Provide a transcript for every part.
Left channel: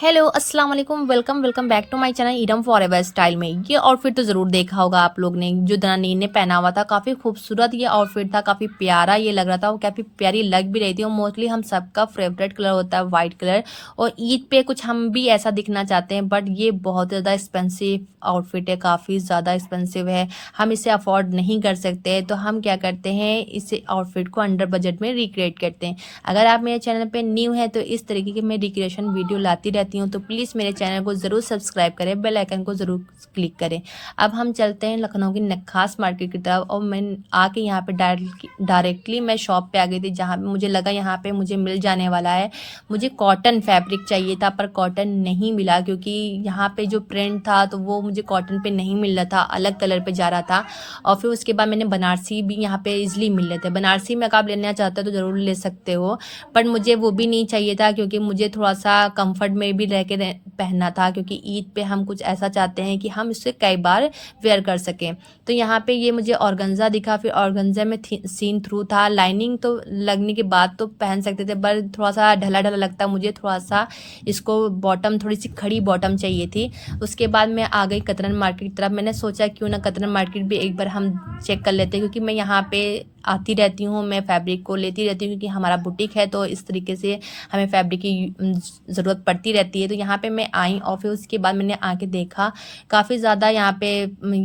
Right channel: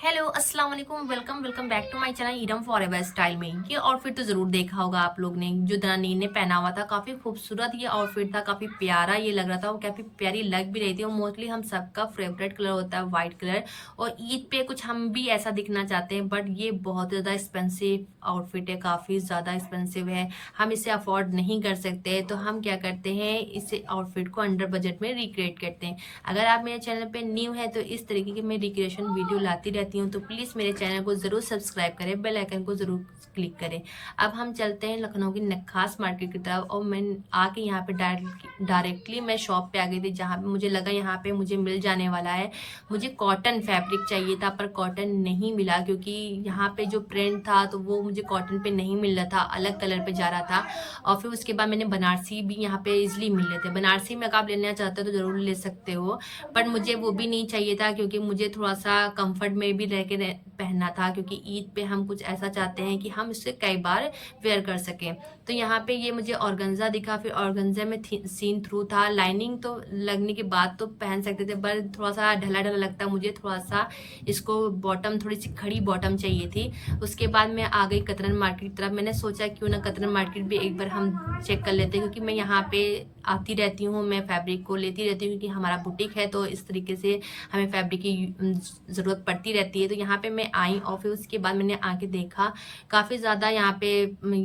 Hello अस्सलाम वालेकुम, welcome welcome back to my channel ईडम फॉरएवर स्टाइल में। ये आउटफिट तो ज़रूर देखा होगा आप लोग ने, जो दनानीर ने पहना हुआ था। काफ़ी खूबसूरत ये आउटफिट था, काफ़ी प्यारा ये लग रहा था, वो काफ़ी प्यारी लग भी रही थी। और मोस्टली हम सबका फेवरेट कलर होता है वाइट कलर, और ईद पे कुछ हम भी ऐसा दिखना चाहते हैं। बट ये बहुत ज़्यादा एक्सपेंसिव आउटफिट है, काफ़ी ज़्यादा एक्सपेंसिव है, हम इसे अफोर्ड नहीं कर सकते। तो हम क्या करते हैं, इस आउटफिट को अंडर बजट में रिक्रिएट करते हैं। अगर आप मेरे चैनल पर न्यू हैं तो इस तरीके की मैं रिक्रिएशन वीडियो लाती रहती हूँ, तो प्लीज़ मेरे चैनल को ज़रूर सब्सक्राइब करें, बेल आइकन को ज़रूर क्लिक करें। अब हम चलते हैं लखनऊ की नक्खास मार्केट की तरफ, और मैं आके यहाँ पे डायरेक्टली मैं शॉप पे आ गई थी, जहाँ पे मुझे लगा यहाँ पे मुझे मिल जाने वाला है। मुझे कॉटन फैब्रिक चाहिए था, पर कॉटन नहीं मिला, क्योंकि यहाँ पे जो प्रिंट था तो वो मुझे कॉटन पे नहीं मिल रहा था, अलग कलर पे जा रहा था। और फिर उसके बाद मैंने बनारसी भी यहाँ पे इजिली मिल रहे थे। बनारसी में अगर आप लेना चाहते हो तो ज़रूर ले सकते हो, पर मुझे वो भी नहीं चाहिए था, क्योंकि मुझे थोड़ा सा कंफर्ट में भी रह के पहनना था, क्योंकि ईद पे हम कुछ ऐसा चाहते हैं कि हम इससे कई बार वेयर कर सकें। तो यहाँ पे ये मुझे ऑर्गेन्जा दिखा, फिर ऑर्गेन्जा में सीन थ्रू था। लाइनिंग तो लगने के बाद तो पहन सकते थे, पर थोड़ा सा ढला ढला लगता, मुझे थोड़ा सा इसको बॉटम, थोड़ी सी खड़ी बॉटम चाहिए थी। उसके बाद मैं आ गई कतरन मार्केट की तरफ। मैंने सोचा क्यों ना कतरन मार्केट भी एक बार हम चेक कर लेते हैं, क्योंकि मैं यहाँ पे आती रहती हूँ, मैं फैब्रिक को लेती रहती हूँ, क्योंकि हमारा बुटीक है, तो इस तरीके से हमें फैब्रिक की ज़रूरत पड़ती रहती है। तो यहाँ पे मैं आई, और फिर उसके बाद मैंने आके देखा, काफ़ी ज़्यादा यहाँ पे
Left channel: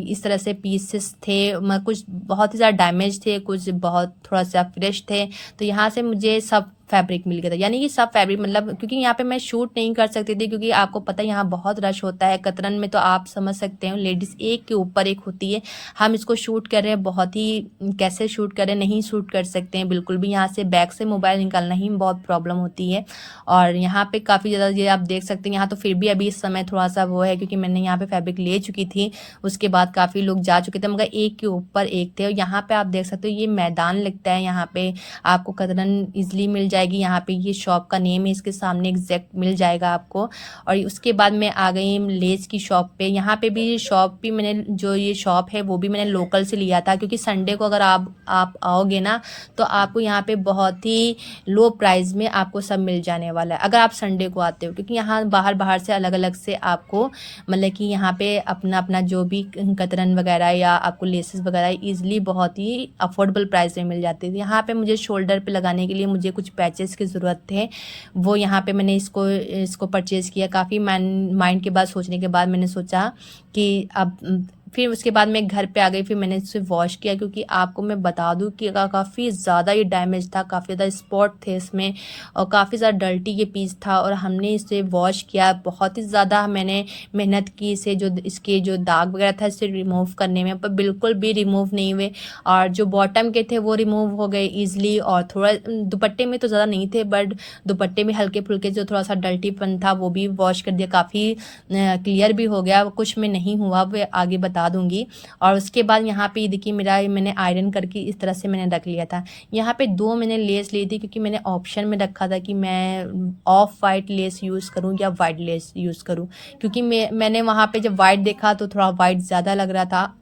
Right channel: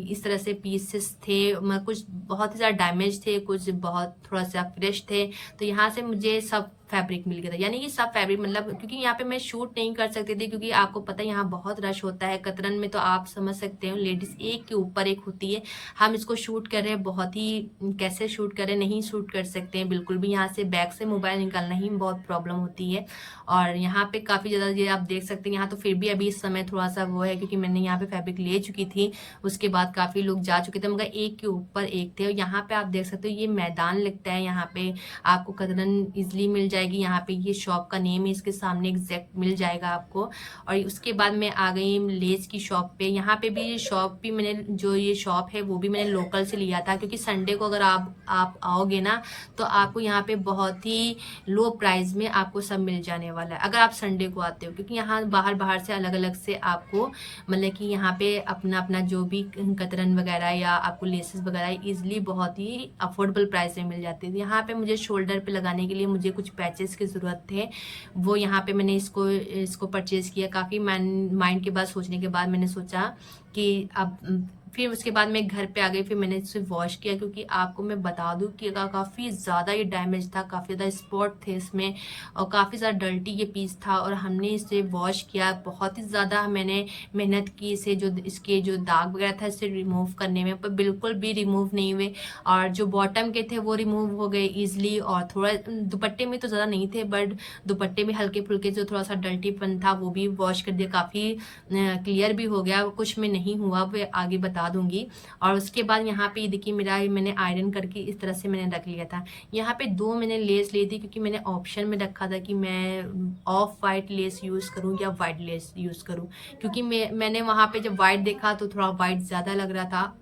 इस तरह से पीसेस थे। कुछ बहुत ही ज़्यादा डैमेज थे, कुछ बहुत थोड़ा सा फ्रेश थे। तो यहाँ से मुझे सब फैब्रिक मिल गया था, यानी कि सब फैब्रिक, मतलब क्योंकि यहाँ पे मैं शूट नहीं कर सकती थी, क्योंकि आपको पता है यहाँ बहुत रश होता है कतरन में। तो आप समझ सकते हो, लेडीज़ एक के ऊपर एक होती है। हम इसको शूट कर रहे हैं, बहुत ही कैसे शूट करें, नहीं शूट कर सकते हैं बिल्कुल भी। यहाँ से बैग से मोबाइल निकालना ही बहुत प्रॉब्लम होती है। और यहाँ पे काफ़ी ज़्यादा ये आप देख सकते हैं, यहाँ तो फिर भी अभी इस समय थोड़ा सा वो है, क्योंकि मैंने यहाँ पे फैब्रिक ले चुकी थी। उसके बाद काफ़ी लोग जा चुके थे, मगर एक के ऊपर एक थे। और यहाँ पे आप देख सकते हो, ये मैदान लगता है, यहाँ पे आपको कतरन ईजिली मिल जाएगी। यहाँ पे ये शॉप का नेम है, इसके सामने एग्जैक्ट मिल जाएगा आपको। और उसके बाद मैं आ गई लेस की शॉप पे। यहाँ पे भी शॉप भी मैंने, जो ये शॉप है वो भी मैंने लोकल से लिया था, क्योंकि संडे को अगर आप आओगे ना, तो आपको यहाँ पे बहुत ही लो प्राइस में आपको सब मिल जाने वाला है, अगर आप संडे को आते हो। क्योंकि यहाँ बाहर बाहर से अलग अलग से आपको, मतलब कि यहाँ पे अपना अपना जो भी कतरन वगैरह या आपको लेसेस वगैरह ईजिली बहुत ही अफोर्डेबल प्राइस में मिल जाती थी। यहाँ पे मुझे शोल्डर पे लगाने के लिए मुझे कुछ पैचेस की ज़रूरत थे, वो यहाँ पे मैंने इसको परचेज़ किया। काफ़ी माइंड के बाद, सोचने के बाद मैंने सोचा कि अब फिर उसके बाद मैं घर पे आ गई, फिर मैंने इसे वॉश किया, क्योंकि आपको मैं बता दूं कि काफ़ी ज़्यादा ये डैमेज था, काफ़ी ज़्यादा स्पॉट थे इसमें, और काफ़ी ज़्यादा डर्टी ये पीस था। और हमने इसे वॉश किया, बहुत ही ज़्यादा मैंने मेहनत की इसे, जो इसके जो दाग वगैरह था इसे रिमूव करने में, पर बिल्कुल भी रिमूव नहीं हुए। और जो बॉटम के थे वो रिमूव हो गए ईजिली, और थोड़ा दुपट्टे में तो ज़्यादा नहीं थे, बट दुपट्टे में हल्के फुल्के जो थोड़ा सा डर्टीपन था वो भी वॉश कर दिया, काफ़ी क्लियर भी हो गया। कुछ में नहीं हुआ, वो आगे बता दूंगी। और उसके बाद यहाँ पे देखिए, मेरा मैंने आयरन करके इस तरह से मैंने रख लिया था। यहाँ पे दो मैंने लेस ली थी, क्योंकि मैंने ऑप्शन में रखा था कि मैं ऑफ वाइट लेस यूज़ करूँ या वाइट लेस यूज़ करूँ, क्योंकि मैंने वहाँ पे जब वाइट देखा तो थोड़ा वाइट ज़्यादा लग रहा था,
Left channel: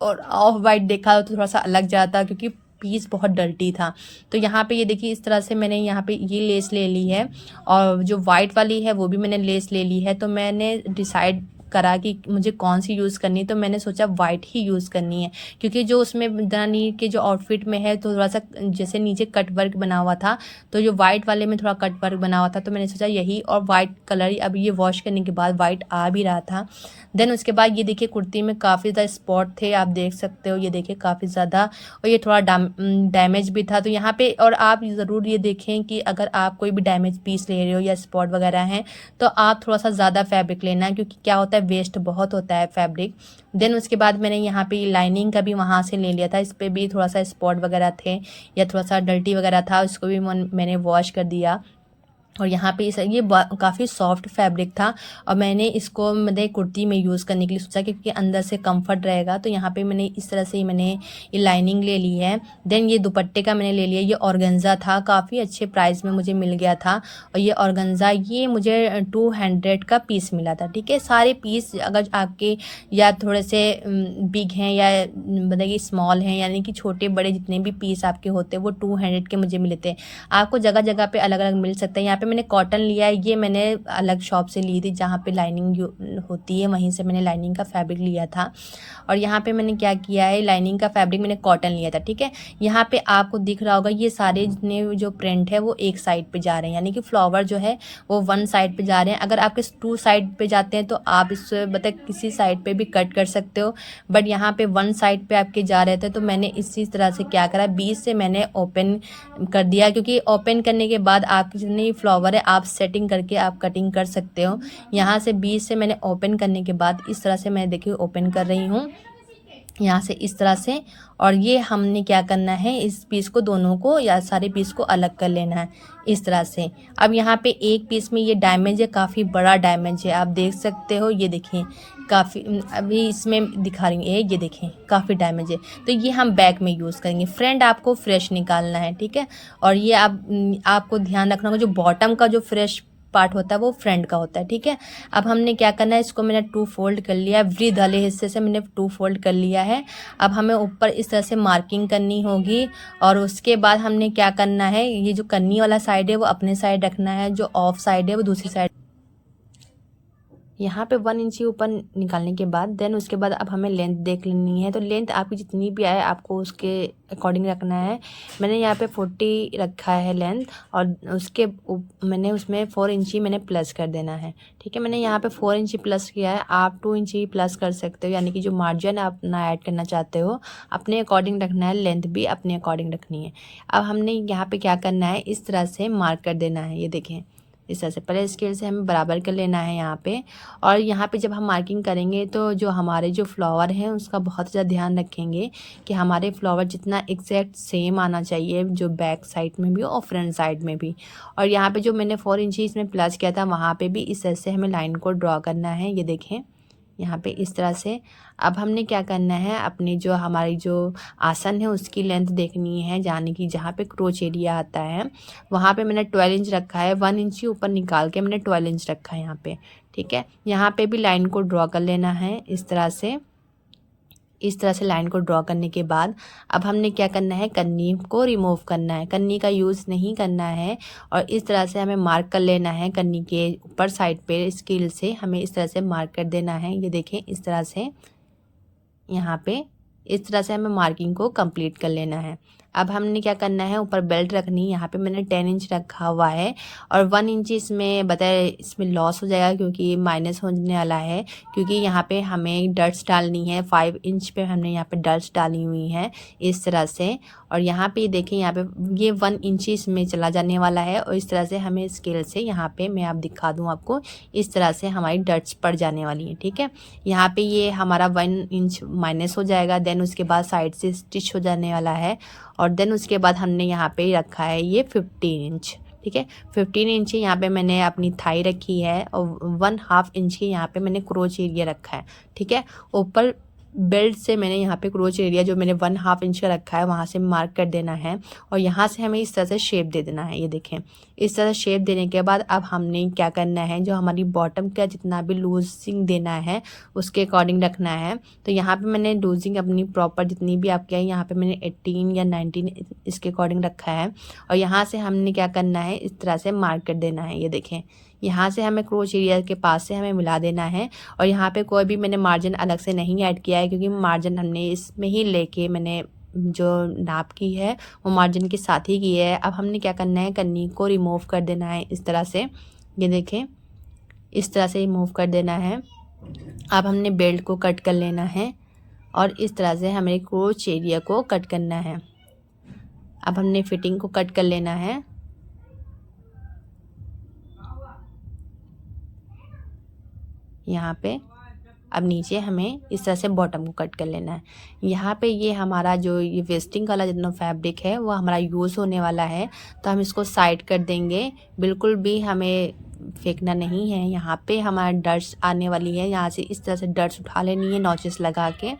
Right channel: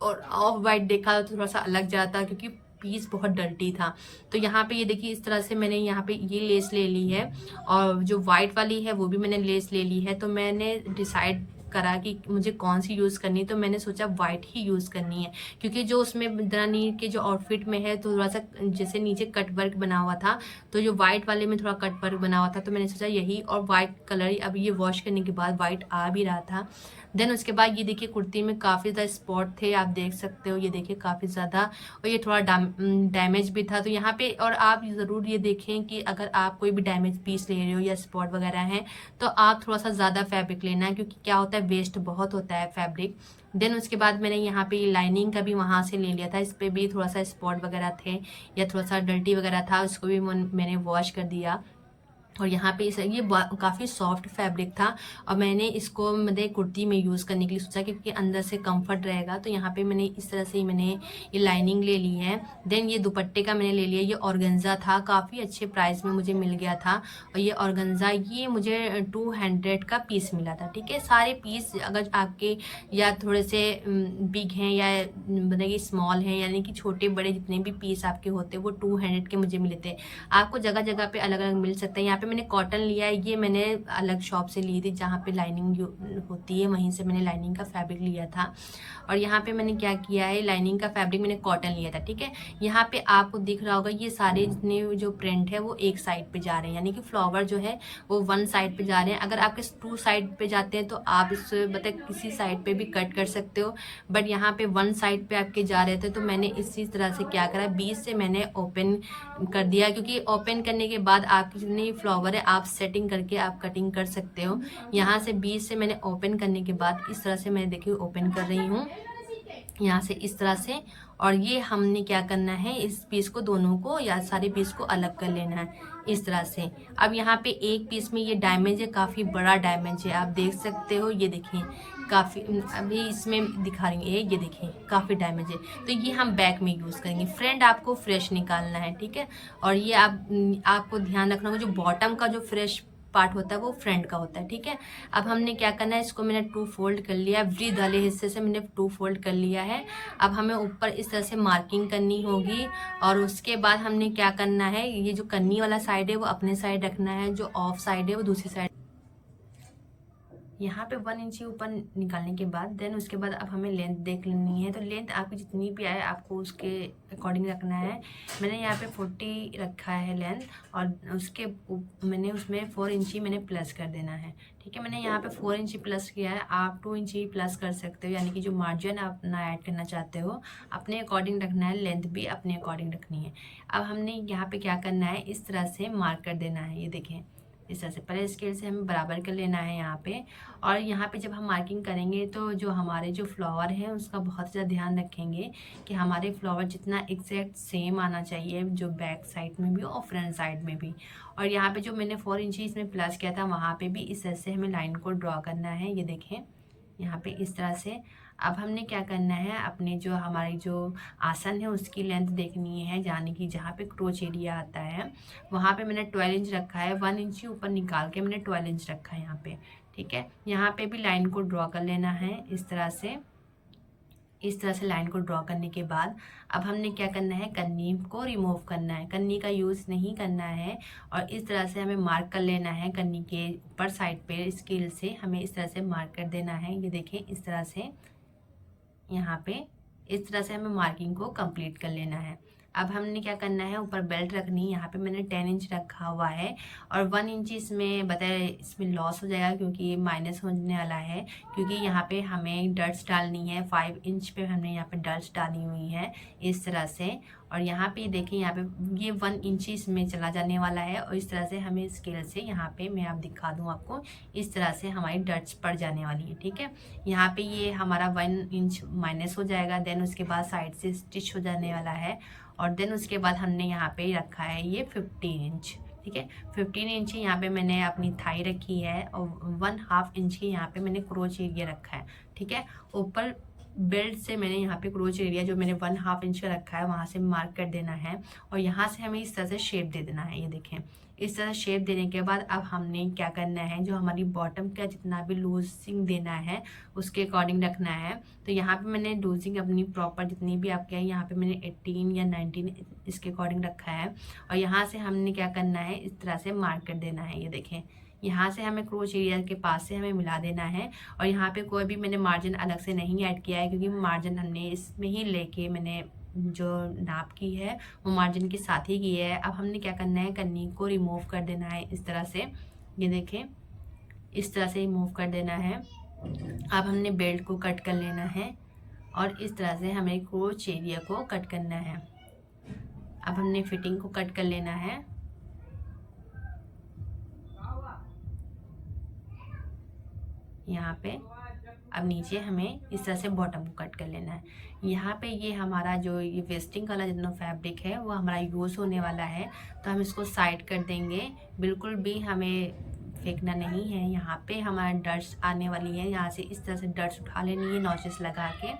और ऑफ वाइट देखा तो थोड़ा सा अलग जाता, क्योंकि पीस बहुत डर्टी था। तो यहाँ पे ये देखिए, इस तरह से मैंने यहाँ पे ये लेस ले ली है, और जो वाइट वाली है वो भी मैंने लेस ले ली है। तो मैंने डिसाइड करा कि मुझे कौन सी यूज़ करनी है, तो मैंने सोचा वाइट ही यूज़ करनी है, क्योंकि जो उसमें दनानीर के जो आउटफिट में है तो थोड़ा सा जैसे नीचे कट वर्क बना हुआ था, तो जो वाइट वाले में थोड़ा कट वर्क बना हुआ था, तो मैंने सोचा यही, और वाइट कलर अब ये वॉश करने के बाद वाइट आ भी रहा था। देन उसके बाद ये देखिए, कुर्ती में काफ़ी ज़्यादा स्पॉट थे, आप देख सकते हो, ये देखिए काफ़ी ज़्यादा, और ये थोड़ा डैमेज भी था। तो यहाँ पे, और आप ज़रूर ये देखें कि अगर आप कोई भी डैमेज पीस ले रहे हो या स्पॉट वगैरह हैं, तो आप थोड़ा सा ज़्यादा फैब्रिक लेना है, क्योंकि क्या होता है, वेस्ट बहुत होता है फैब्रिक। देन उसके बाद मैंने यहाँ पे लाइनिंग का भी वहाँ से ले लिया था, इस पर भी थोड़ा सा स्पॉट वगैरह थे या थोड़ा सा डर्टी वगैरह था, उसको भी मैंने वॉश कर दिया। और यहाँ पे ये काफ़ी सॉफ्ट फैब्रिक था, और मैंने इसको मतलब कुर्ती में यूज़ करने के लिए सोचा, क्योंकि अंदर से कंफर्ट रहेगा। तो यहाँ पे मैंने इस तरह से मैंने ये लाइनिंग ले ली है। देन ये दुपट्टे का मैंने ले लिया, ये ऑर्गेन्जा था, काफ़ी अच्छे प्राइस में मुझे मिल गया था। और ये ऑर्गेन्जा ये मुझे 200 का पीस मिला था, ठीक है। सारे पीस अगर आपके या थोड़े से बिग हैं या मतलब कि स्मॉल हैं, यानी कि छोटे बड़े जितने भी पीस आपके होते हैं, वो 200 के मुझे मिले थे। आपको जगह जगह पे अलग अलग मिल सकते हैं। यहाँ पे मैंने कॉटन लिया है, ये मैंने अलग शॉप से ली थी जहाँ पे लाइनिंग होती है, वहीं से मैंने लाइनिंग का फैब्रिक लिया था। और यहाँ पे मैंने क्या किया है, लाइनिंग का फैब्रिक मैंने कॉटन लिया था, ठीक है। यहाँ पे आपको दिख रहा होगा ये सारे जितने जो प्रिंट है वो एक साइड पे जा रहे हैं, यानी कि फ्लावर जो है वो वन साइड पे जा रहे हैं। अगर आपके टू साइड पे जाते हैं तो आप इससे मतलब किसी साइड पे भी कट कर सकते हो, बट यहाँ पे वन साइड पे आपके जा रहे थे तो मैंने इसी तरह से क्या करा, बीच से मैंने ओपन कर दिया, क्योंकि ओपन करने के बाद आपके जितने फ्लावर है आप सेटिंग करके आप कटिंग कर सकते हो। यहाँ से बीच से मैंने ओपन करने के बाद इस तरह से मैं देखिए ओपन कर रही हूँ यहाँ से इस तरह से। और ये हमने क्या करना है, इस पीस को दोनों को या सारे पीस को अलग कर लेना है इस तरह से। अब यहाँ पे एक पीस में ये डैमेज है, काफ़ी बड़ा डैमेज है, आप देख सकते हो, ये देखें काफ़ी, अभी इसमें दिखा रही हूँ ये देखें काफ़ी डैमेज है। तो ये हम बैक में यूज़ करेंगे। फ्रंट आपको फ्रेश निकालना है, ठीक है। और ये आपको ध्यान रखना होगा, जो बॉटम का जो फ्रेश पार्ट होता है वो फ्रंट का होता है, ठीक है। अब हमने क्या करना है, इसको मैंने 2 फोल्ड कर लिया, वृद्ध वाले हिस्से से मैंने 2 फोल्ड कर लिया है। अब हमें ऊपर इस तरह से मार्किंग करनी होगी और उसके बाद हमने क्या करना है, ये जो कन्नी वाला साइड है वो अपने साइड रखना है, जो ऑफ साइड है वो दूसरी साइड। यहाँ पे 1 इंची ऊपर निकालने के बाद देन उसके बाद अब हमें लेंथ देख लेनी है। तो लेंथ आपकी जितनी भी आए आपको उसके अकॉर्डिंग रखना है। मैंने यहाँ पे 40 रखा है लेंथ, और उसके मैंने उसमें 4 इंची मैंने प्लस कर देना है, ठीक है। मैंने यहाँ पे 4 इंची प्लस किया है, आप 2 इंची प्लस कर सकते हो, यानी कि जो मार्जिन आप अपना ऐड करना चाहते हो अपने अकॉर्डिंग रखना है, लेंथ भी अपने अकॉर्डिंग रखनी है। अब हमने यहाँ पर क्या करना है, इस तरह से मार्क कर देना है, ये देखें इस तरह से। पहले स्केल से हमें बराबर कर लेना है यहाँ पे। और यहाँ पे जब हम मार्किंग करेंगे तो जो हमारे जो फ्लावर हैं उसका बहुत ज़्यादा ध्यान रखेंगे कि हमारे फ्लावर जितना एग्जैक्ट सेम आना चाहिए, जो बैक साइड में भी और फ्रंट साइड में भी। और यहाँ पे जो मैंने 4 इंची इसमें प्लस किया था वहाँ पे भी इस तरह से हमें लाइन को ड्रॉ करना है, ये देखें यहाँ पे इस तरह से। अब हमने क्या करना है, अपनी जो हमारी जो आसन है उसकी लेंथ देखनी है, यानी कि जहाँ पे क्रोच एरिया आता है वहाँ पे मैंने 12 इंच रखा है, 1 इंची ऊपर निकाल के मैंने 12 इंच रखा है यहाँ पे, ठीक है। यहाँ पे भी लाइन को ड्रॉ कर लेना है इस तरह से। इस तरह से लाइन को ड्रॉ करने के बाद अब हमने क्या करना है, कन्नी को रिमूव करना है, कन्नी का यूज़ नहीं करना है। और इस तरह से हमें मार्क कर लेना है, कन्नी के ऊपर साइड पे स्केल से हमें इस तरह से मार्क कर देना है, ये देखें इस तरह से। यहाँ पे इस तरह से हमें मार्किंग को कंप्लीट कर लेना है। अब हमने क्या करना है, ऊपर बेल्ट रखनी है, यहाँ पे मैंने 10 इंच रखा हुआ है और 1 इंच इसमें बताए इसमें लॉस हो जाएगा क्योंकि माइनस होने वाला है, क्योंकि यहाँ पे हमें डट्स डालनी है। 5 इंच पे हमने यहाँ पे डट्स डाली हुई है इस तरह से। और यहाँ पे देखें यहाँ पे ये 1 इंच इसमें चला जाने वाला है और इस तरह से हमें स्केल से यहाँ पे मैं आप दिखा दूँ आपको, इस तरह से हमारी डट्स पड़ जाने वाली है, ठीक है। यहाँ पे ये हमारा 1 इंच माइनस हो जाएगा, देन उसके बाद साइड से स्टिच हो जाने वाला है। और देन उसके बाद हमने यहाँ पे रखा है ये 15 इंच, ठीक है। 15 इंच यहाँ पे मैंने अपनी थाई रखी है और 1/2 इंच की यहाँ पे मैंने क्रोच एरिया रखा है, ठीक है। ऊपर बेल्ट से मैंने यहाँ पे क्रोच एरिया जो मैंने 1/2 इंच का रखा है वहाँ से मार्क कर देना है और यहाँ से हमें इस तरह से शेप दे देना है, ये देखें। इस तरह शेप देने के बाद अब हमने क्या करना है, जो हमारी बॉटम का जितना भी लूजिंग देना है उसके अकॉर्डिंग रखना है। तो यहाँ पे मैंने लूजिंग अपनी प्रॉपर जितनी भी आपके है यहाँ पे मैंने 18 या 19 इसके अकॉर्डिंग रखा है। और यहाँ से हमने क्या करना है, इस तरह से मार्क कर देना है, ये देखें। यहाँ से हमें क्रोच एरिया के पास से हमें मिला देना है और यहाँ पे कोई भी मैंने मार्जिन अलग से नहीं ऐड किया है, क्योंकि मार्जिन हमने इसमें ही लेके मैंने जो नाप की है वो मार्जिन के साथ ही की है। अब हमने क्या करना है, कन्नी को रिमूव कर देना है इस तरह से, ये देखें इस तरह से रिमूव कर देना है। अब हमने बेल्ट को कट कर लेना है और इस तरह से हमें क्रोच एरिया को कट करना है। अब हमने फिटिंग को कट कर लेना है। यहाँ पे अब नीचे हमें इस तरह से बॉटम को कट कर लेना है। यहाँ पे ये हमारा जो ये वेस्टिंग वाला जितना फैब्रिक है वो हमारा यूज़ होने वाला है, तो हम इसको साइड कर देंगे, बिल्कुल भी हमें फेंकना नहीं है। यहाँ पे हमारा डट्स आने वाली है, यहाँ से इस तरह से डट्स उठा लेनी है नॉचेस लगा के।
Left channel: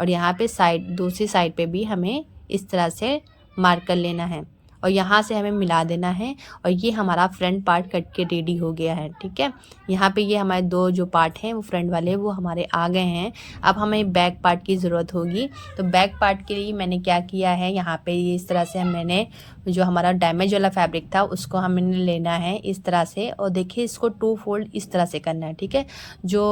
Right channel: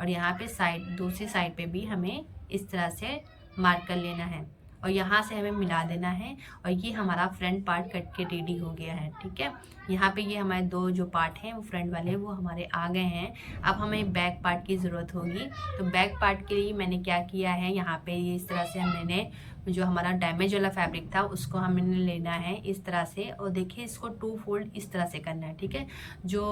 और यहाँ पे साइड दूसरी साइड पे भी हमें इस तरह से मार्क कर लेना है और यहाँ से हमें मिला देना है और ये हमारा फ्रंट पार्ट कट के रेडी हो गया है, ठीक है। यहाँ पे ये हमारे दो जो पार्ट हैं वो फ्रंट वाले वो हमारे आ गए हैं। अब हमें बैक पार्ट की ज़रूरत होगी, तो बैक पार्ट के लिए मैंने क्या किया है, यहाँ पे इस तरह से मैंने जो हमारा डैमेज वाला फैब्रिक था उसको हमें लेना है इस तरह से, और देखिए इसको 2 फोल्ड इस तरह से करना है। ठीक है, जो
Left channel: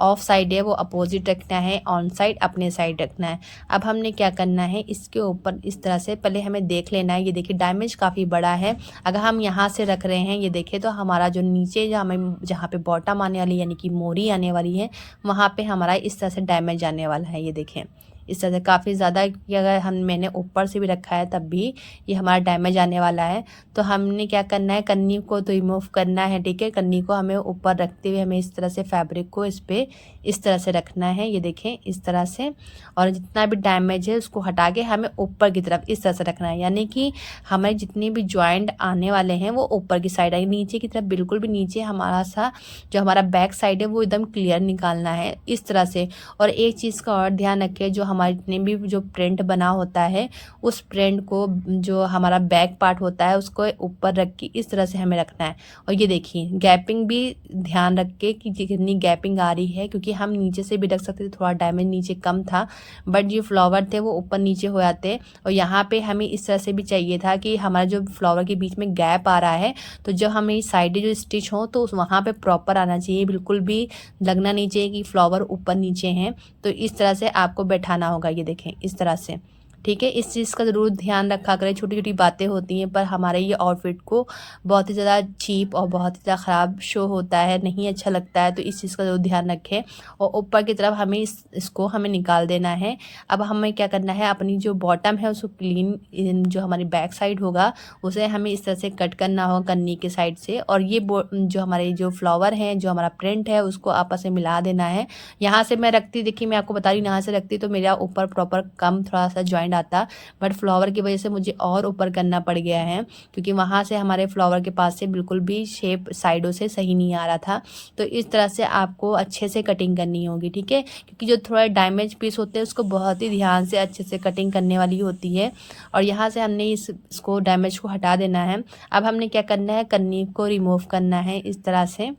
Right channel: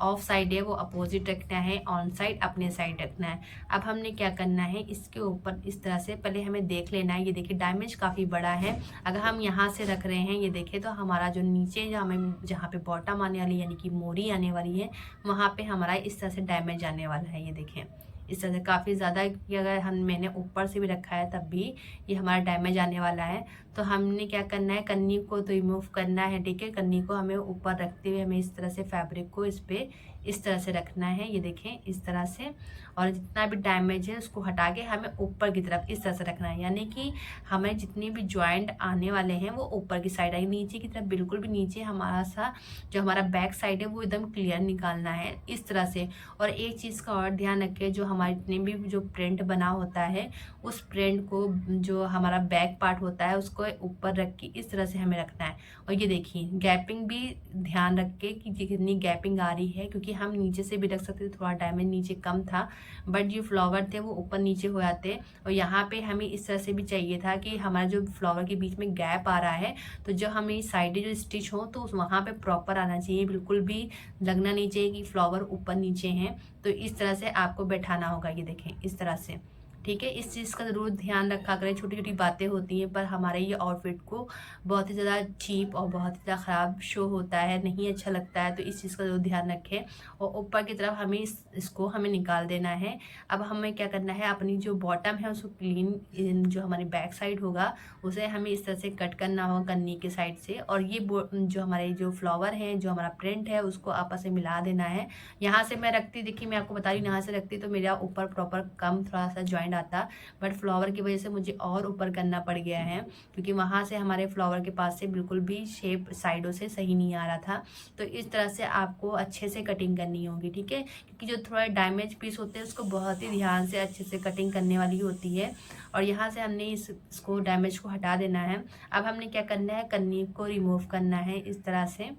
ऑफ साइड है वो अपोजिट रखना है, ऑन साइड अपने साइड रखना है। अब हमने क्या करना है, इसके ऊपर इस तरह से पहले हमें देख लेना है। ये देखिए डैमेज काफ़ी बड़ा है, अगर हम यहाँ से रख रहे हैं ये देखिए तो हमारा जो नीचे जहाँ पे बॉटम आने वाली यानी कि मोरी आने वाली है वहाँ पे हमारा इस तरह से डैमेज आने वाला है। ये देखें इस तरह से काफ़ी ज़्यादा कि अगर मैंने ऊपर से भी रखा है तब भी ये हमारा डैमेज आने वाला है। तो हमने क्या करना है, कन्नी को तो रिमूव करना है। ठीक है, कन्नी को हमें ऊपर रखते हुए हमें इस तरह से फैब्रिक को इस पर इस तरह से रखना है। ये देखें इस तरह से, और जितना भी डैमेज है उसको हटा के हमें ऊपर की तरफ इस तरह से रखना है, यानी कि हमें जितने भी जॉइंट आने वाले हैं वो ऊपर की साइड आएंगे, नीचे की तरफ बिल्कुल भी नीचे हमारा सा जो हमारा बैक साइड है वो एकदम क्लियर निकालना है इस तरह से। और एक चीज़ का और ध्यान रखें, जो हमारे जितने भी जो प्रिंट बना होता है उस प्रिंट को जो हमारा बैक पार्ट होता है उसको ऊपर रख के इस तरह से हमें रखना है। और ये देखिए गैपिंग भी ध्यान रख के कि कितनी गैपिंग आ रही है, क्योंकि हम नीचे से भी रख सकते थे, थोड़ा डैमेज नीचे कम था, बट जो फ्लावर थे वो ऊपर नीचे हो जाते। और यहाँ पे हमें इस तरह से भी चाहिए था कि हमारा जो फ्लावर के बीच में गैप आ रहा है तो जो हमें साइड जो स्टिच हो तो वहाँ पे प्रॉपर आना चाहिए, बिल्कुल भी लगना नहीं चाहिए कि फ्लावर ऊपर नीचे हैं। तो इस तरह से आपको बैठाना होगा, ये देखें इस तरह से। ठीक है, इस चीज़ का ज़रूर ध्यान रखा करें। छोटी छोटी बातें होती हैं पर हमारे ये आउटफिट को बहुत ही ज़्यादा चीप और बहुत ही ज़्यादा ख़राब शो होता है, नहीं अच्छा लगता है, तो इस चीज़ का ज़रूर ध्यान रखें। और ऊपर की तरफ हमें इसको हमें निकाल देना है। अब हमें क्या करना है, अपनी जो बॉटम है उसको क्लीन जो हमारी बैक साइड होगा उसे हमें इस तरह से कट करना होगा कन्नी के साइड से, और ये जो हमारे जो फ्लावर हैं जो हमारा प्रिंट है उसको आपस में मिला देना है। यहाँ से मैं रखती, देखिए मैं आपको बता रही हूँ, यहाँ से रखती तो मेरा ऊपर प्रॉपर कम थोड़ा सा जॉइंट आता, बट फ्लावर की वजह से मुझे और ऊपर करना पड़ गया है, क्योंकि वहाँ से हमारे फ्लावर के पास से बिल्कुल भी शेप साइडों से सही नहीं आ रहा था। तो इस तरह से आपको अच्छे से कटिंग करनी होगी। ठीक है, क्योंकि जो थोड़ा डैमेज पीस होते हैं उसको बहुत ही ध्यान से अच्छे से कटिंग करने वाली होती है। और यहाँ से हमने इसको डैमेज को हटा देना है। अब हमने क्या करना है, कन्नी को रिमूव करना है इस तरह से।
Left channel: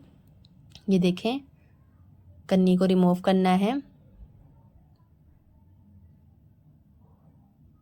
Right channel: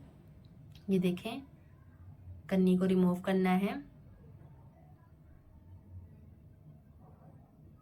ये देखें कन्नी को रिमूव करना है।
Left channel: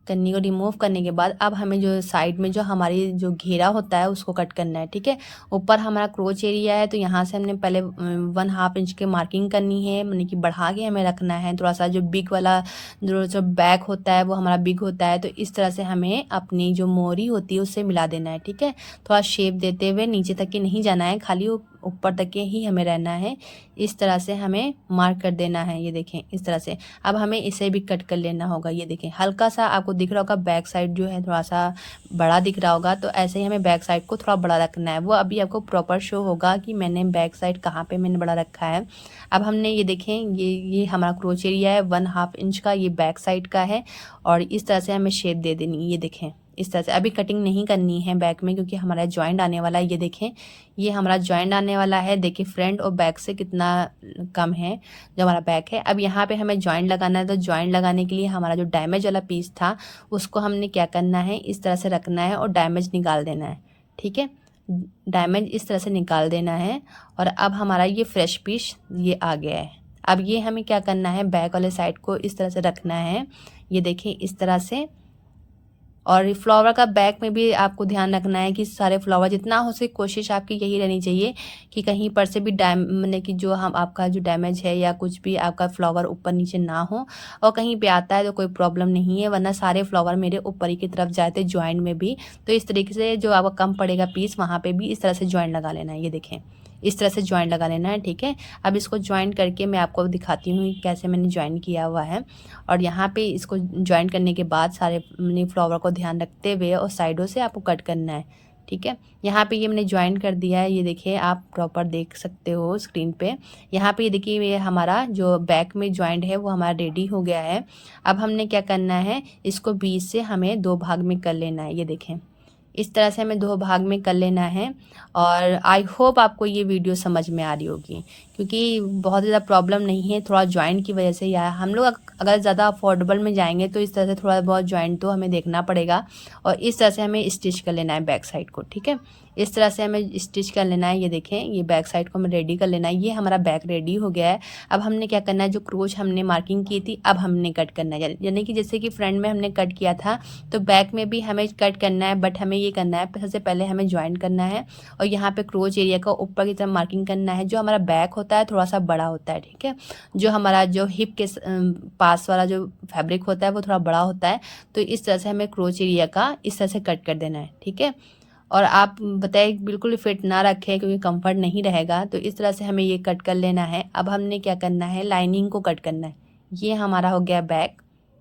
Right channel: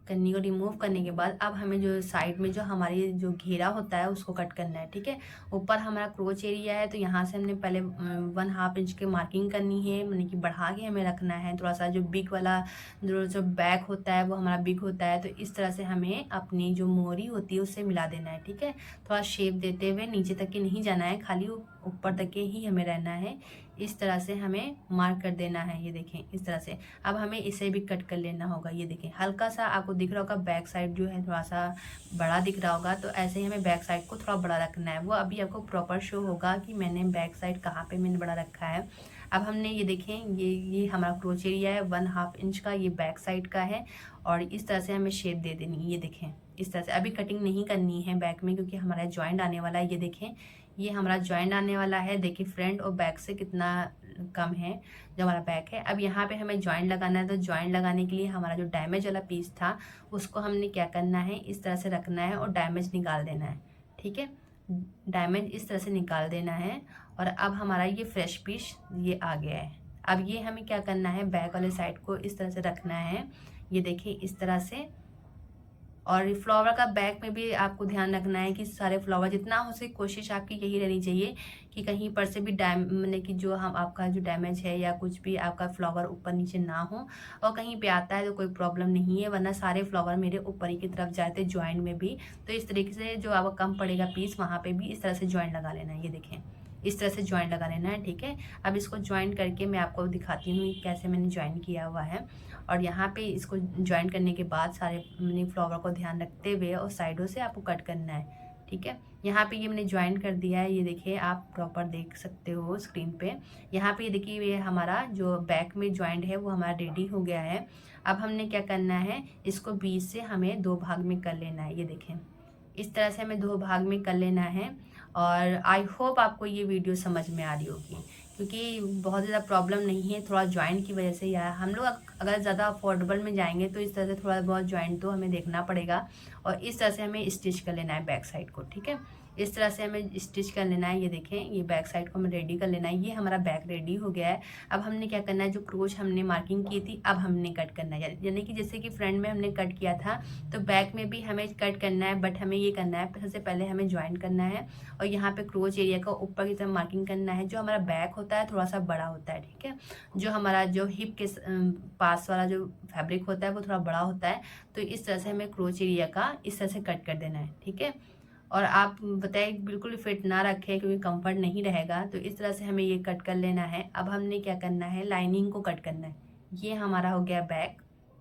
कन्नी को रिमूव करने के बाद अब हमें जो साइड में जो हमारी जो घेरा होता है उसको कट करना है। ठीक है, ऊपर हमारा क्रोच एरिया है तो यहाँ से हमने पहले 1/2 इंच की मार्किंग करनी है, यानी कि बढ़ा के हमें रखना है। थोड़ा सा जो बिग वाला जो बैक होता है वो हमारा बिग होता है, तो इस तरह से हमें अपनी जो मोरी होती है उससे मिला देना है। ठीक है, थोड़ा शेप देते हुए, नीचे तक के नहीं जाना है, खाली ऊपर तक के ही हमें रहना है। इस तरह से हमें मार्क कर देना है। ये देखें इस तरह से। अब हमें इसे भी कट कर लेना होगा। ये देखें हल्का सा आपको दिख रहा होगा बैक साइड जो है थोड़ा सा बड़ा दिख रहा होगा, तो ऐसे ही हमें बैक साइड को थोड़ा बड़ा रखना है। वो अभी आपको प्रॉपर शो होगा कि मैंने बैक साइड कहाँ पे मैंने बड़ा रखा है। अब हमने ये देखें ये हमारा क्रोच एरिया है 1/2 इंच का, ये बैक साइड का है, और इस तरह से हमें शेप दे देनी है। ये देखें इस तरह से। अभी कटिंग नहीं करनी है बैक में क्योंकि हमारा जॉइंट आने वाला है। ये देखें ये हमारा जॉइंट आने वाला है, देखिए फ्रंट और बैक से कितना कम है जो हमारा बैक है। अब यहाँ पे हमें जॉइंट लगाना है, तो जॉइंट लगाने के लिए हमारा जो डैमेज वाला पीस था उसको हमने क्या करना है, इस तरह से रखना है और डैमेज निकाल देना है। ठीक है, डैमेज इस तरह से निकाल देना है। और अब हमारा ये फ्रेश पीस ये आ गया है। अब ये हमें क्या करना है, बैक वाले साइड को इस तरह से रखना है। ये देखिए इस तरह से। और फ्लावर का बैक में भी आपको ध्यान रखना है कि सारे फ्लावर जितना हो सके कोशिश आपकी यही रहनी चाहिए कि कहीं पर से भी मतलब कि जो हम आपका जो डैमेज है या कुछ भी आपका फ्लावर ऊपर नीचे ना हो, और कहीं पे आता है तो कोई प्रॉब्लम नहीं है, वरना सारे फ्लावर मेरे ऊपर ही की तरफ जाए थे जॉइंट में भी। तो इस तरीके से जो आपका कम पड़ेगा पीस वहाँ पर भी इस तरह से जॉइंट लगा लेना है। ये देखें इस तरह से जॉइंट लगा लेना है। ठीक है, अब इसको जॉइंट करके मैं आपको दिखाती हूँ कैसे मैंने जॉइंट किया हुआ है। और यहाँ पे इसको जॉइंट करने के बाद सारे मैंने फ्लावर को ध्यान रखते हुए और साइडों से आपको कट करना है। ठीक है, यहाँ पे ये मैंने जॉइंट कर दिया है। ये देखिए आप प्रॉपर देख सकते हो स्क्रीन पे। यहाँ पे ये देखिए ये हमारा जो बैक में जॉइंट है वो हमारा रेडी हो गया है। अब हमने क्या करना है, इसको बीच से हमें 2 भाग में कर लेना है। ये देखें इस तरह से हमें 2 भाग में कर लेना है। और आई होप आपको ये वीडियो समझ में आ रही होगी, क्योंकि बहुत ज़्यादा प्रॉब्लम नहीं है, थोड़ा जॉइंट की वजह से या हम लोग अगर ज़्यादा अफोर्डेबल में जाएंगे तो इस तरह से थोड़ा बहुत जॉइंट तो हमें देखना पड़ेगा। और इस तरह से हमें स्टिच कर लेना है बैक साइड को। ठीक है, इस तरह से हमें स्टिच कर लेना है। ये देखें, ये बैक साइड को हमें रेडी कर लेना है। ये हमारा बैक रेडी हो गया है। अब हमने क्या करना है, जो क्रोच हमने मार्किंग की थी अब हमने कट करना है, यानी कि जैसे कि फ्रंट में हमने कट किया था तो बैक में भी हमें कट करना है, बट हमें ये करना है सबसे पहले हमें ज्वाइन करना है और यहाँ पे क्रोच एरिया का ऊपर की तरफ मार्किंग करना है। जो हमारा बैक होता है थोड़ा सा बड़ा होता है, ठीक है, जो हमारा जो हिप के पास वाला जो फैब्रिक होता है वो थोड़ा बड़ा होता है। तो इस तरह से हमें क्रोच एरिया का इस तरह से कट कर देना है, ठीक है। और आप बताए बिल्कुल फिट ना रखें क्योंकि कंफर्ट नहीं रहेगा। तो इस तरह से हमें ये कट कर लेना है। अब हमने क्या करना है, लाइनिंग को कट करना है। ये हमारा हो गया बैक,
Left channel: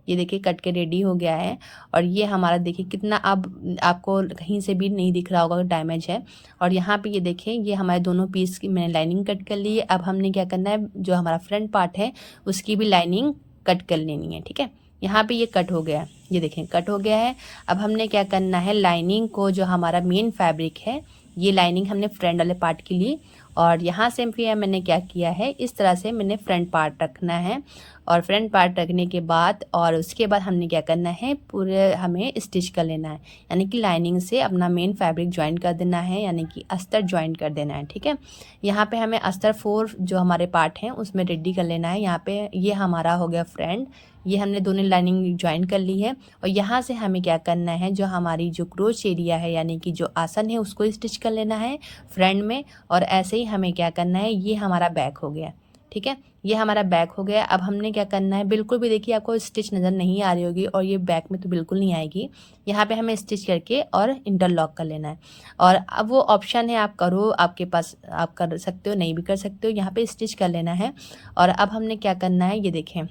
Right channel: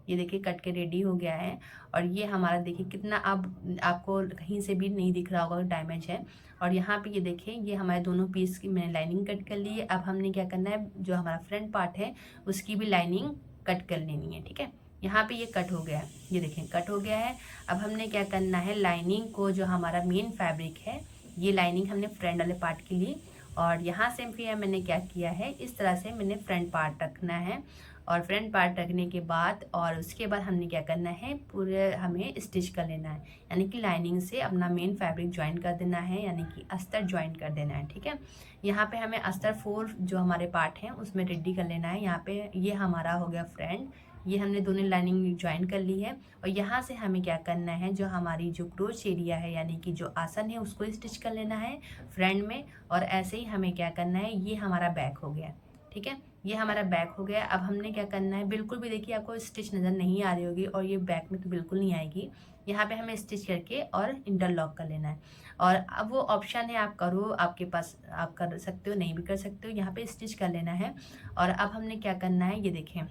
ये देखिए कट के रेडी हो गया है। और ये हमारा देखिए कितना अब आपको कहीं से भी नहीं दिख रहा होगा डैमेज है। और यहाँ पे ये देखें, ये हमारे दोनों पीस की मैंने लाइनिंग कट कर ली है। अब हमने क्या करना है, जो हमारा फ्रंट पार्ट है उसकी भी लाइनिंग कट कर लेनी है, ठीक है। यहाँ पे ये कट हो गया है, ये देखें कट हो गया है। अब हमने क्या करना है, लाइनिंग को जो हमारा मेन फैब्रिक है, ये लाइनिंग हमने फ्रंट वाले पार्ट के लिए, और यहाँ से फिर मैंने क्या किया है, इस तरह से मैंने फ्रंट पार्ट रखना है। और फ्रंट पार्ट रखने के बाद और उसके बाद हमने क्या करना है, पूरे हमें स्टिच कर लेना है, यानी कि लाइनिंग से अपना मेन फैब्रिक ज्वाइन कर देना है, यानी कि अस्तर ज्वाइन कर देना है, ठीक है। यहाँ पे हमें अस्तर 4 जो हमारे पार्ट हैं उसमें रेडी कर लेना है। यहाँ पे ये हमारा हो गया फ्रंट, ये हमने दोनों लाइनिंग ज्वाइन कर ली है। और यहाँ से हमें क्या करना है, जो हमारी जो क्रोच एरिया है यानी कि जो आसन है उसको स्टिच कर लेना है फ्रंट में। और ऐसे ही हमें क्या करना है, ये हमारा बैक हो गया, ठीक है, ये हमारा बैक हो गया। अब हमने क्या करना है, बिल्कुल भी देखिए आपको स्टिच नज़र नहीं आ रही होगी और ये बैक में तो बिल्कुल नहीं आएगी। यहाँ पे हमें स्टिच करके और इंटरलॉक कर लेना है। और अब वो ऑप्शन है, आप करो, आपके पास आप कर सकते हो, नहीं भी कर सकते हो, यहाँ पे स्टिच कर लेना है। और अब हमने क्या करना है, ये देखें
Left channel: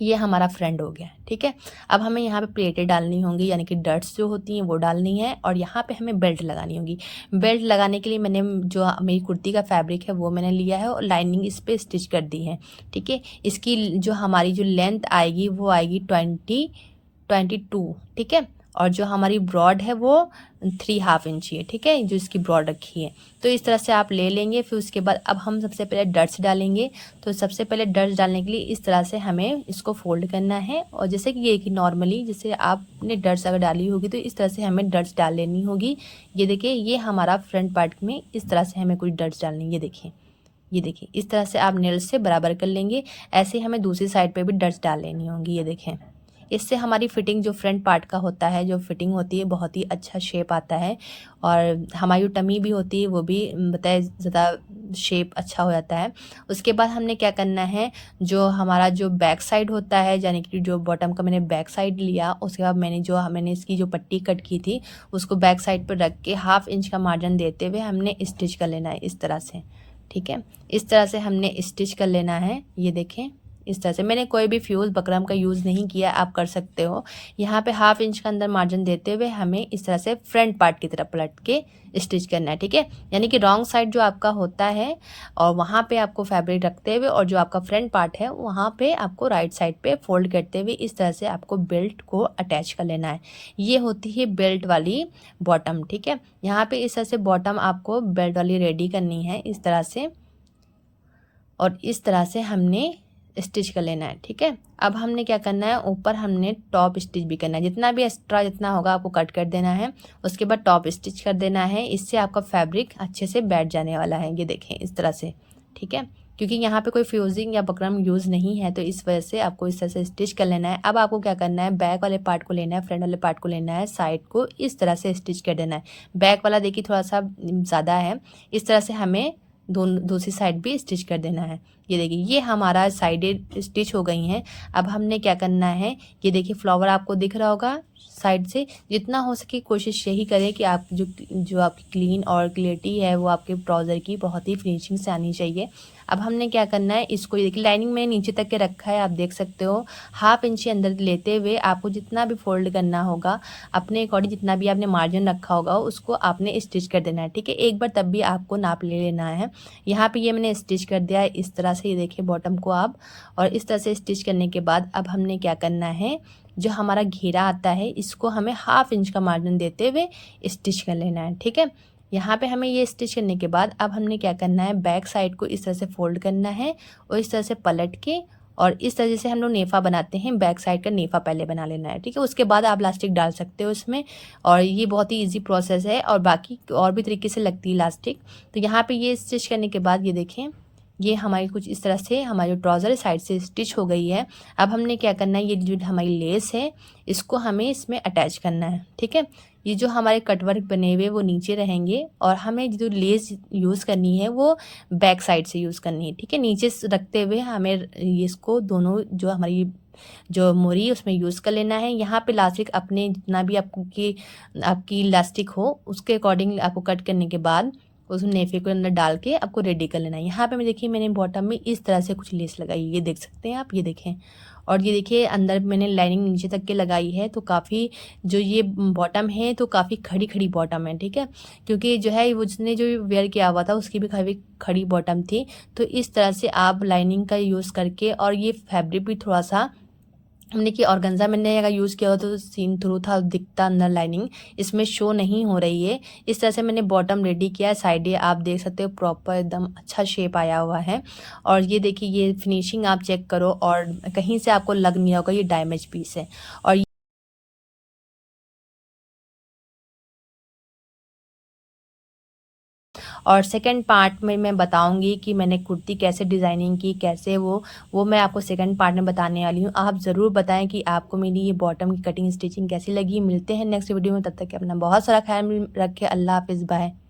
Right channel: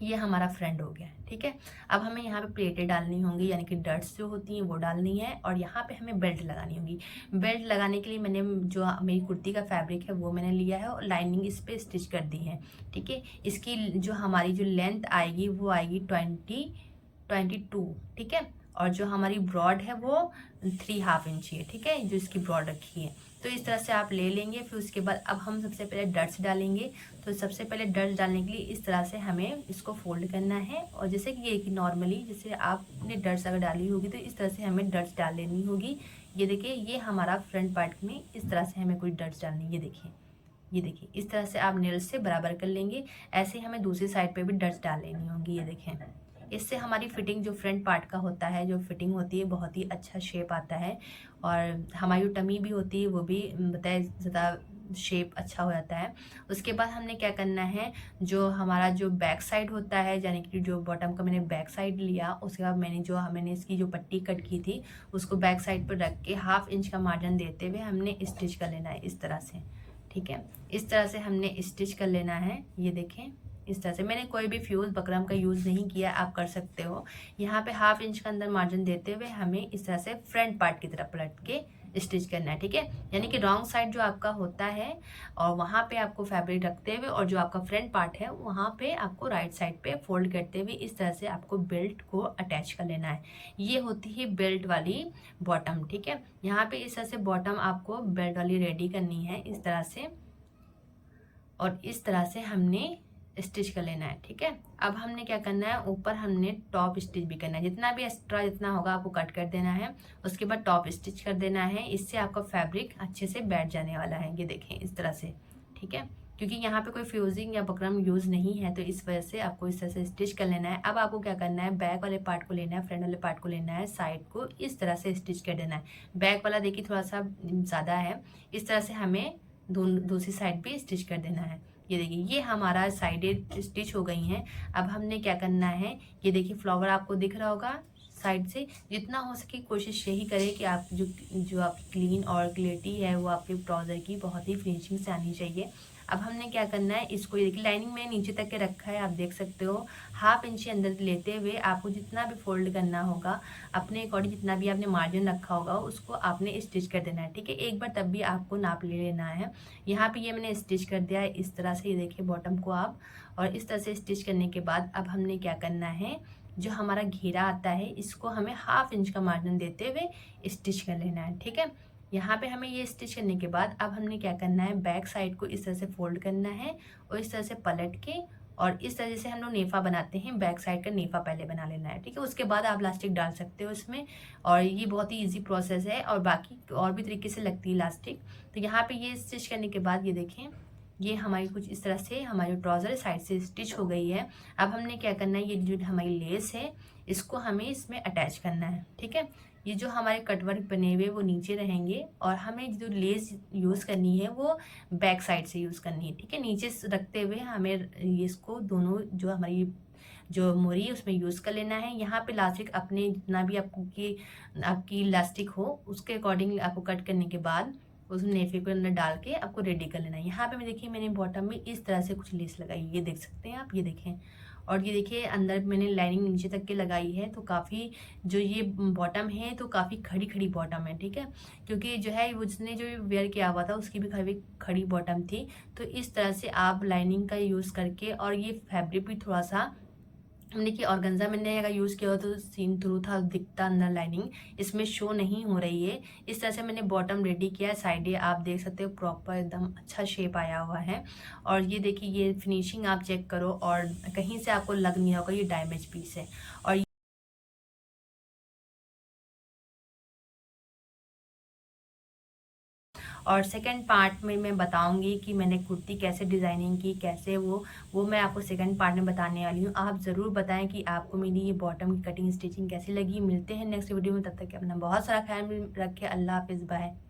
ये हमारा फ्रंट हो गया, ठीक है। अब हमें यहाँ पे प्लेटें डालनी होंगी, यानी कि डट्स जो होती हैं वो डालनी है। और यहाँ पे हमें बेल्ट लगानी होगी। बेल्ट लगाने के लिए मैंने जो मेरी कुर्ती का फैब्रिक है वो मैंने लिया है और लाइनिंग इस पर स्टिच कर दी है, ठीक है। इसकी जो हमारी जो लेंथ आएगी वो आएगी 22, ठीक है। और जो हमारी ब्रॉड है वो 3.5 इंच है, ठीक है, जो इसकी ब्रॉड रखी है। तो इस तरह से आप ले लेंगे। फिर उसके बाद अब हम सबसे पहले डट्स डालेंगे। तो सबसे पहले डट्स डालने के लिए इस तरह से हमें इसको फोल्ड करना है। और जैसे कि ये कि नॉर्मली जैसे आपने डट्स अगर डाली होगी तो इस तरह से हमें डट्स डाल लेनी होगी। ये देखिए, ये हमारा फ्रंट पार्ट में इस तरह से हमें कुछ डट्स डालनी है। ये देखिए इस तरह से आप नेल से बराबर कर लेंगे। ऐसे हमें दूसरी साइड पे भी डट्स डाल लेनी होंगी। ये देखें, इससे हमारी फिटिंग जो फ्रंट पार्ट का होता है, जो फिटिंग होती है, बहुत ही अच्छा शेप आता है। और हमारी जो टमी भी होती है वो भी बताए ज़्यादा शेप अच्छा हो जाता है। उसके बाद हमने क्या करना है, जो हमारा जो बैक साइड होता है, यानी कि जो बॉटम का मैंने बैक साइड लिया, उसके बाद मैंने इसकी जो पट्टी कट की थी उसको बैक साइड पर रख के 1/2 इंच का मार्जिन देते हुए हमने स्टिच कर लेना है इस तरह से, ठीक है। इस तरह से हमने स्टिच कर लेना है। ये देखें, इस तरह से मैंने कोई भी फ्यूज़ बकरम का यूज़ नहीं किया, आप कर सकते हो। यहाँ पे 1/2 इंच का अंदर मार्जिन देते हुए हमें इस तरह से फ्रंट पार्ट की तरफ पलट के स्टिच करना है, ठीक है। यानी कि रॉन्ग साइड जो आपका होता है और वहाँ पे आपको फैब्रिक रखते हुए, और जो आपका फ्रंट पार्ट है वहाँ पे आपको राइट साइड पे फोल्ड करते हुए इस तरह से आपको बेल्ट को अटैच कर लेना है। ये होती है बेल्ट वाली बॉटम, ठीक है। यहाँ पे इस तरह से बॉटम आपको बेल्ट वाली रेडी करनी है इस तरह से, और इस तरह से हमने स्टिच कर लेना है, ठीक है। अब हमने क्या करना है, ऊपर हमने टॉप स्टिच भी करना है। जितना भी एक्स्ट्रा जितना होगा आपको कट कर देना है। उसके बाद टॉप स्टिच कर देना है। इससे आपका फैब्रिक अच्छे से बैठ जाने वाला है। ये देखें इस तरह से, ठीक है, क्योंकि यहाँ पे कोई फ्यूजिंग या बकरम यूज़ नहीं है तो इस वजह से आपको इस तरह से स्टिच कर लेना है। अब आपको क्या करना है, बैक वाले पार्ट को लेना है, फ्रंट वाले पार्ट को लेना है, साइड को इस तरह से स्टिच कर देना है। बैक वाला देखिए थोड़ा सा ज़्यादा है, इस तरह से हमें दूसरी साइड भी स्टिच कर देना है। ये देखिए, ये हमारा साइडें स्टिच हो गई हैं। अब हमने क्या करना है, ये देखिए फ्लावर आपको दिख रहा होगा साइड से। जितना हो सके कोशिश यही करें कि आप जो आपकी क्लीन और क्लियरिटी है वो आपके ट्राउज़र की बहुत ही फिनिशिंग से आनी चाहिए। अब हमने क्या करना है, इसको ये देखिए लाइनिंग में नीचे तक के रखा है, आप देख सकते हो। 1/2 इंच अंदर लेते हुए आपको जितना भी फोल्ड करना होगा अपने अकॉर्डिंग, जितना भी आपने मार्जिन रखा होगा उसको आपने स्टिच कर देना है, ठीक है। एक बार तब भी आपको नाप ले लेना है। यहाँ पे ये मैंने स्टिच कर दिया है इस तरह से, ये देखिए बॉटम को आप। और इस तरह से स्टिच करने के बाद अब हमने क्या करना है, जो हमारा घेरा आता है इसको हमें 1/2 इंच का मार्जिन देते हुए स्टिच कर लेना है, ठीक है। यहाँ पे हमें ये स्टिच करने के बाद अब हमने क्या करना है, बैक साइड को इस तरह से फोल्ड करना है और इस तरह से पलट के और इस तरह से हम लोग नेफा बनाते हैं। बैक साइड का नेफा पहले बना लेना है, ठीक है। उसके बाद आप इलास्टिक डाल सकते हो इसमें, और ये बहुत ही इजी प्रोसेस है। और बाकी और भी तरीके से लगती है इलास्टिक। तो यहाँ पे ये स्टिच करने के बाद ये देखें, ये हमारी कुछ इस तरह से हमारी ट्राउज़र साइड से स्टिच हो गई है। अब हमने क्या करना है, ये जो हमारी लेस है इसको हमें इसमें अटैच करना है, ठीक है। ये जो हमारे कटवर्क बने हुए वो नीचे रहेंगे, और हमें जो लेस यूज़ करनी है वो बैक साइड से यूज़ करनी है, ठीक है। नीचे से रखते हुए हमें इसको दोनों जो हमारी जो मोरी उसमें यूज़ कर लेना है। यहाँ पे इलास्टिक अपने जितना भी आपकी इलास्टिक हो उसके अकॉर्डिंग आपको कट करने के बाद उस नेफे को अंदर डाल के आपको रेडी कर लेना है। यहाँ पे मैं देखिए मैंने बॉटम में इस तरह से कुछ लेस लगाई, ये देख सकते हैं आप, ये देखें। और ये देखिए अंदर मैंने लाइनिंग नीचे तक के लगाई है, तो काफ़ी जो ये बॉटम है तो काफ़ी खड़ी खड़ी बॉटम है, ठीक है। क्योंकि जो है वो जिसने जो वेयर किया हुआ था उसकी भी काफ़ी खड़ी बॉटम थी। तो इस तरह से आप लाइनिंग का यूज़ करके, और ये फैब्रिक भी थोड़ा सा हमने कि ऑर्गेन्जा मैंने अगर यूज़ किया हो तो सीन थ्रू था, दिखता अंदर लाइनिंग इसमें शो नहीं हो रही है। इस तरह से मैंने बॉटम रेडी किया है। साइडें आप देख सकते हो प्रॉपर एकदम अच्छा शेप आया हुआ है। और ये देखिए ये फिनिशिंग आप चेक करो, और कहीं से आपको लग नहीं होगा ये डैमेज पीस है। और सेकंड पार्ट में मैं बताऊंगी कि मैंने कुर्ती कैसे डिज़ाइनिंग की, कैसे वो मैं आपको सेकंड पार्ट में बताने वाली हूँ। आप ज़रूर बताएं कि आपको मेरी ये बॉटम की कटिंग स्टिचिंग कैसी लगी। मिलते हैं नेक्स्ट वीडियो में, तब तक के अपना बहुत सारा ख्याल रखें। अल्लाह हाफिज़, बाय।